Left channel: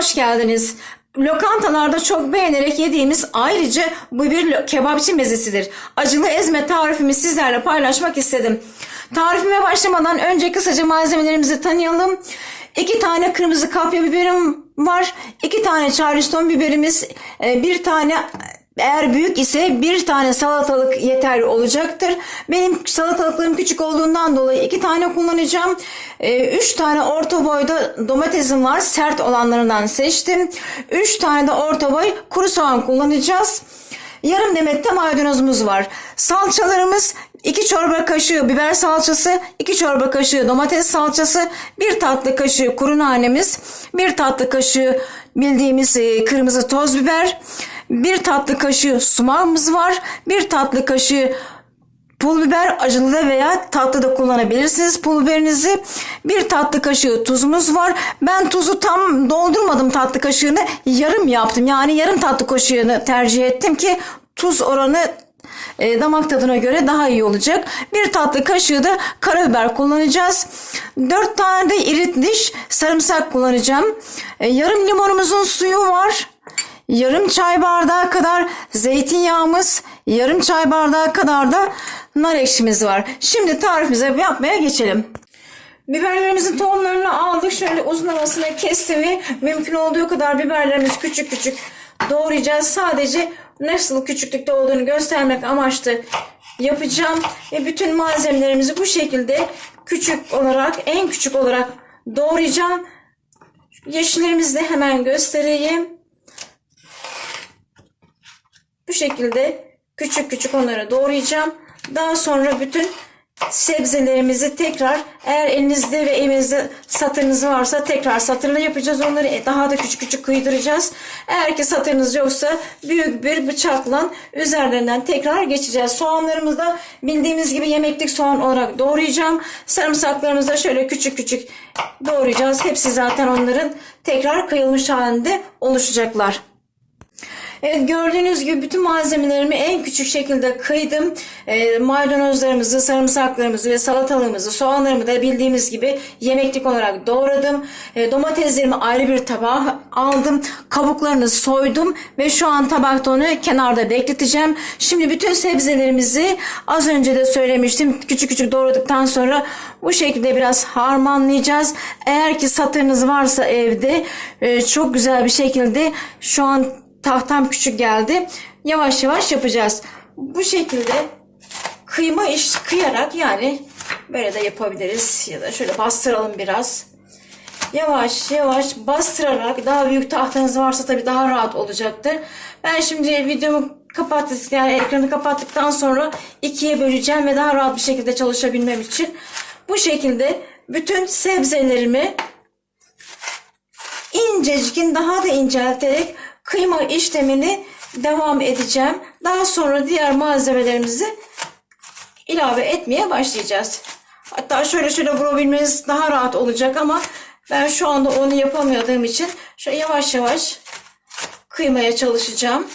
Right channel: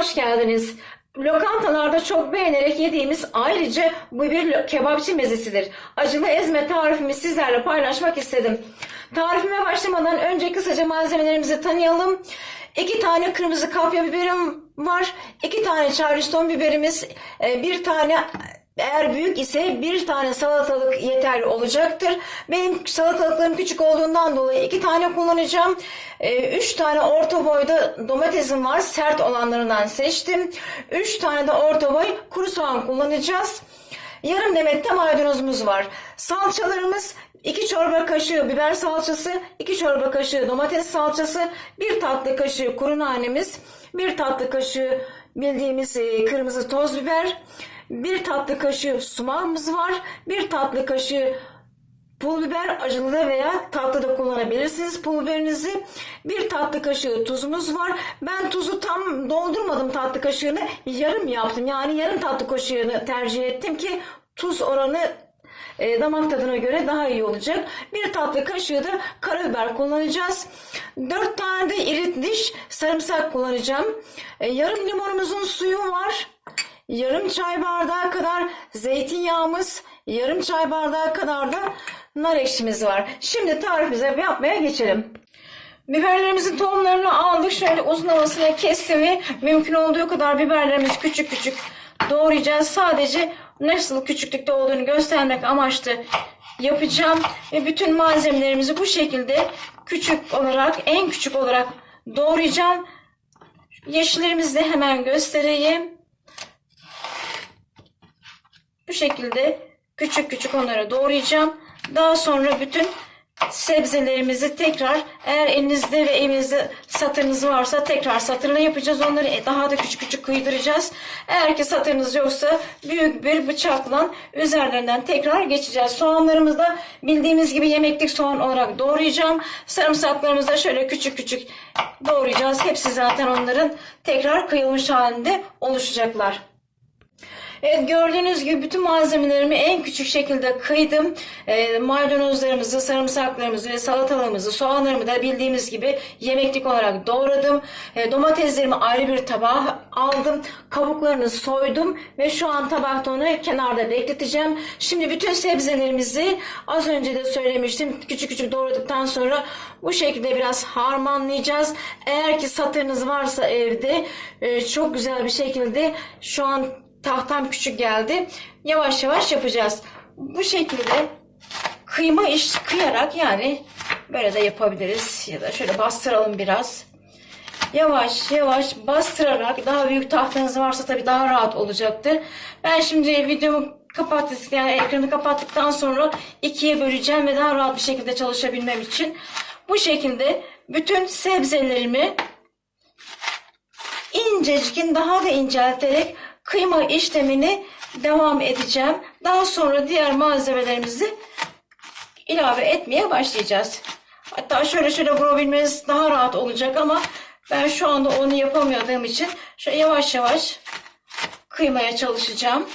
hoş geldiniz. Lokantalarda çok beğenerek yediğimiz ayrıca bu bir kebapçı mezesidir. Acılı ezme tarifimi sizlerle paylaşmak istedim. Tarifime başlamadan önce kısaca malzemelerimizi tanıyalım. İki tane kırmızı kapya biberim var. iki tane charleston biberimiz. e, Bir tane eğer büyük ise bir tane salatalık yeterli olacaktır. Benim salatalıklarım küçük olduğundan dolayı iki tane kullanacağım. Ee, üç tane orta boyda domatesim var. Sert olanlarından seçtim. Üç tane de orta boy kuru soğan kullanacağız. Yarım demet de maydanozumuz var. Salçalarımız 2 çorba kaşığı biber salçası, 2 çorba kaşığı domates salçası, 1 tatlı kaşığı kuru nanemiz, 1 tatlı kaşığı bildiğimiz e, kırmızı toz biber, 1 tatlı kaşığı sumağımız var, 1 tatlı kaşığı Pul biber acılı da veya tatlı da kullanabilirsiniz pul biberinizi. Bir tatlı kaşığı tuzumuz var. Ben tuzu tam doldurmadım tatlı kaşığını. Yarım yaptım. Yani yarım tatlı kaşığını tercih ettim ki tuz oranı e, damak tadına göre daha iyi olacak. Bir tatlı kaşığı da karabiber kullanacağız. Dört tane de iri diş sarımsak kullanacağım. E, yarım limonumuzun suyu var. Yarım çay bardağı kadar zeytinyağımız, yarım çay bardağı kadar da nar ekşimiz var. Şimdi tarifimize yapmaya geçelim. Biberlerimizin tohumlarını aldık. Şöyle uzun havasına kestim ve mümkün olduğu kadar biberlerimizi küçük küçük doğrayacağız. Sadece nasıl küçüklükte olduğunu göstermek amaçlı yapacağım. Ve bütün malzemelerimizi bu şekilde küçük olarak, en küçük olarak doğrayacağım. Yeşillerimizi de hemen göstereyim. Bu şekilde küçük küçük onları doğrayacağım. Daha sonra bütün sebzelerimizi tekrar eğer elinizde ve evinizde satırınız varsa tekrar satırla yapacağız. Onları daha da küçük küçük kıydıracağız. Eğer ki satırınız yoksa büyük bir bıçakla üzerlerinden tekrar geçeceğiz. Soğanlarımızı da bildiğimiz gibi yemeklik soğan olarak doğrayacağım. Sarımsaklarımızı da şöyle küçük küçük doğrayacağız. Hepsi zaten onların tekrar kıyılmış halinde oluşacaklar. Evet gördüğünüz gibi bütün malzemelerimi en küçük şekilde kıydım. E, maydanozlarımızı, sarımsaklarımızı ve salatalığımızı, soğanlarımı da bildiğimiz gibi yemeklik olarak doğradım. E, domateslerimi ayrı bir tabağa aldım. Kabuklarını soydum ve şu an tabakta onu kenarda bekleteceğim. Şimdi bütün sebzelerimizi az önce de söylemiştim. Küçük küçük doğradıktan sonra bu şekilde biraz harmanlayacağız. Eğer ki satırınız varsa evde e, çok güzel bir şekilde şu an tahtam küçük geldi. Yavaş yavaş yapacağız. Bu şekilde kıyma iş kıyarak yani böyle de yapabiliriz. Ya da şöyle bastıralım biraz. Yavaş yavaş bastırarak daha büyük tahtanız varsa tabii daha rahat olacaktır. Ben şimdi videomu kapattık yani ekranı kapattıktan sonra ikiye böleceğim ve daha rahat bir şekilde çalışabilmem için bu şekilde bütün sebzelerimi incecikin daha da incelterek kıyma işlemini devam edeceğim. Daha sonra diğer malzemelerimizi ilave etmeye başlayacağız. Hatta şöyle şöyle vurabilmeniz daha rahat olacak ama ben şu anda onu yapamadığım için şöyle yavaş yavaş kıymaya çalışacağım.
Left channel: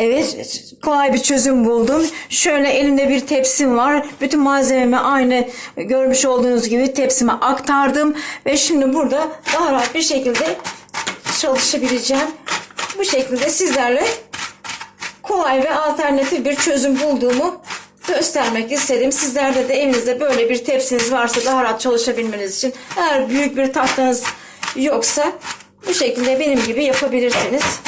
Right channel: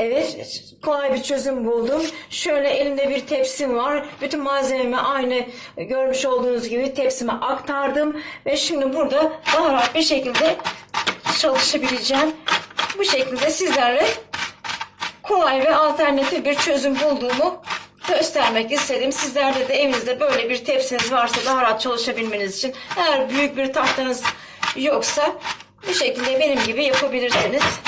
Evet, kolay bir çözüm buldum. Şöyle elimde bir tepsim var. Bütün malzememi aynı görmüş olduğunuz gibi tepsime aktardım. Ve şimdi burada daha rahat bir şekilde çalışabileceğim. Bu şekilde sizlerle kolay ve alternatif bir çözüm bulduğumu göstermek istedim. Sizlerde de evinizde böyle bir tepsiniz varsa daha rahat çalışabilmeniz için eğer büyük bir tahtanız yoksa bu şekilde benim gibi yapabilirsiniz.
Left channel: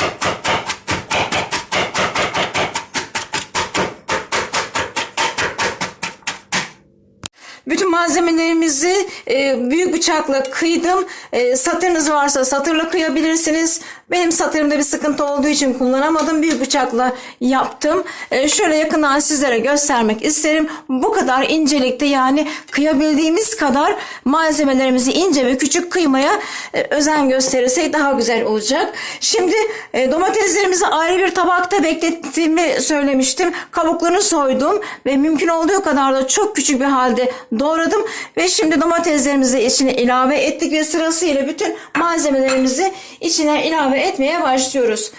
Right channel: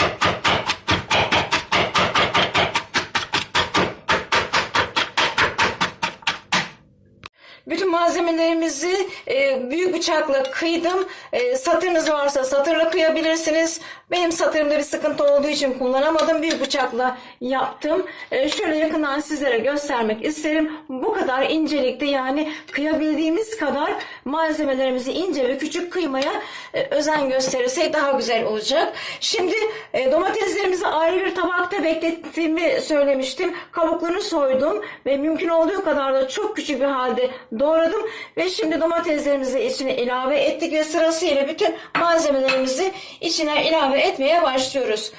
Bütün malzemelerimizi e, büyük bıçakla kıydım. E, satırınız varsa satırla kıyabilirsiniz. Benim satırımda bir sıkıntı olduğu için kullanamadım. Büyük bıçakla yaptım. E, şöyle yakından sizlere göstermek isterim. Bu kadar incelikte yani kıyabildiğimiz kadar malzemelerimizi ince ve küçük kıymaya e, özen gösterirsek daha güzel olacak. Şimdi e, domateslerimizi ayrı bir tabakta beklettiğimi söylemiştim. Kabuklarını soydum ve mümkün olduğu kadar da çok küçük bir halde doğradım ve şimdi domateslerimizi içine ilave ettik ve sırasıyla bütün malzemelerimizi içine ilave etmeye başlıyoruz.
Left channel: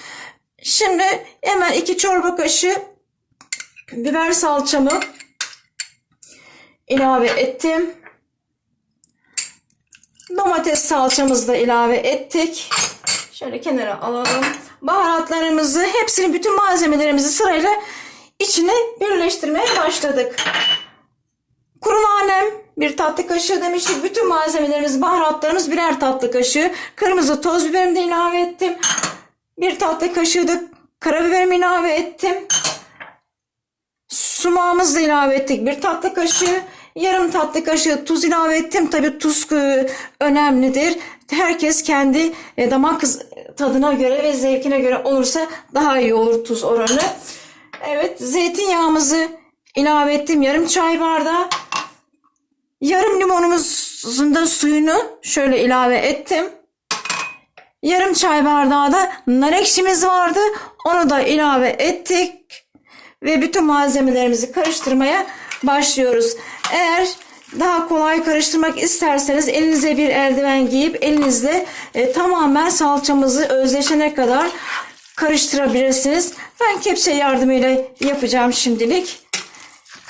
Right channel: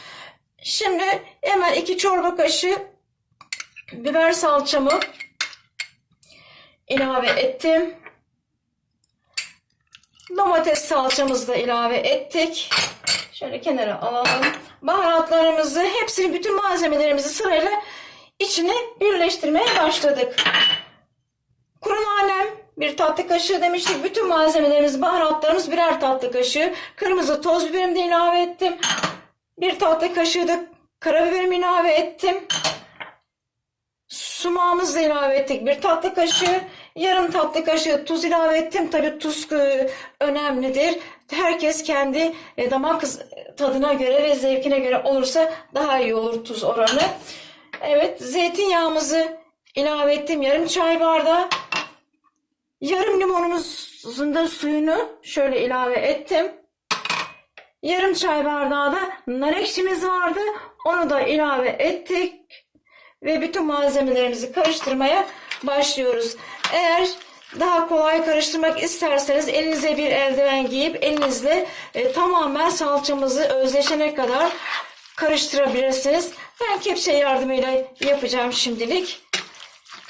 Şimdi hemen iki çorba kaşığı biber salçamı ilave ettim. Domates salçamızı da ilave ettik. Şöyle kenara alalım. Baharatlarımızı, hepsini, bütün malzemelerimizi sırayla içine birleştirmeye başladık. Bir tatlı kaşığı demiştik. Bütün malzemelerimiz, baharatlarımız birer tatlı kaşığı. Kırmızı toz biberimi de ilave ettim. Bir tatlı kaşığı da karabiberimi ilave ettim. Sumağımızı da ilave ettik. Bir tatlı kaşığı, yarım tatlı kaşığı tuz ilave ettim. Tabii tuz e, önemlidir. Herkes kendi e, damak tadına göre ve zevkine göre olursa daha iyi olur tuz oranı. Evet, zeytinyağımızı ilave ettim. Yarım çay bardağı. Yarım limonumuzun da suyunu şöyle ilave ettim. Yarım çay bardağı da nar ekşimiz vardı. Onu da ilave ettik. Ve bütün malzemelerimizi karıştırmaya başlıyoruz. Eğer daha kolay karıştırmak isterseniz elinize bir eldiven giyip elinizle e, tamamen salçamızı özleşene kadar karıştırabilirsiniz. Ben kepçe yardımıyla yapacağım şimdilik.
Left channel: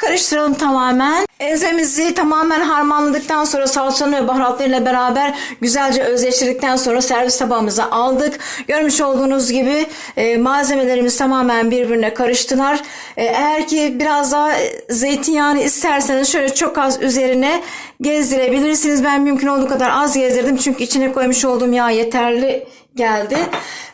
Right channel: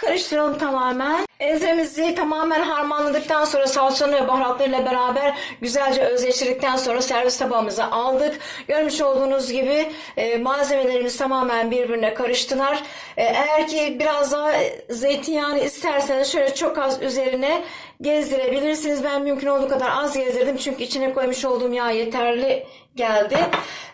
Karıştıralım tamamen. Ezemizi tamamen harmanladıktan sonra salçanın ve baharatlarıyla beraber güzelce özleştirdikten sonra servis tabağımıza aldık. Görmüş olduğunuz gibi e, malzemelerimiz tamamen birbirine karıştılar. E, eğer ki biraz daha zeytinyağını isterseniz şöyle çok az üzerine gezdirebilirsiniz. Ben mümkün olduğu kadar az gezdirdim çünkü içine koymuş olduğum yağ yeterli geldi.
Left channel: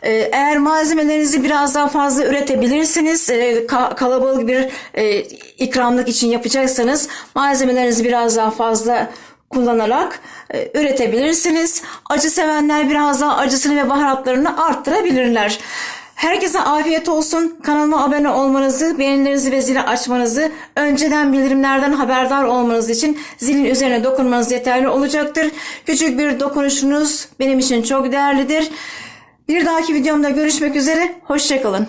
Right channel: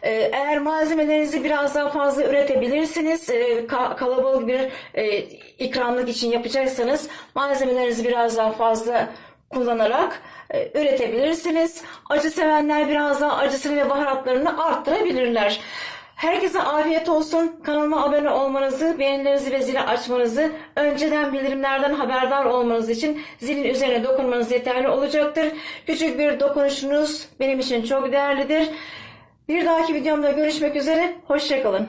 Ee, Eğer malzemelerinizi biraz daha fazla üretebilirsiniz, e, ka- kalabalık bir e, ikramlık için yapacaksanız malzemelerinizi biraz daha fazla kullanarak e, üretebilirsiniz. Acı sevenler biraz daha acısını ve baharatlarını arttırabilirler. Herkese afiyet olsun. Kanalıma abone olmanızı, beğenilerinizi ve zili açmanızı, önceden bildirimlerden haberdar olmanız için zilin üzerine dokunmanız yeterli olacaktır. Küçük bir dokunuşunuz benim için çok değerlidir. Bir dahaki videomda görüşmek üzere. Hoşçakalın.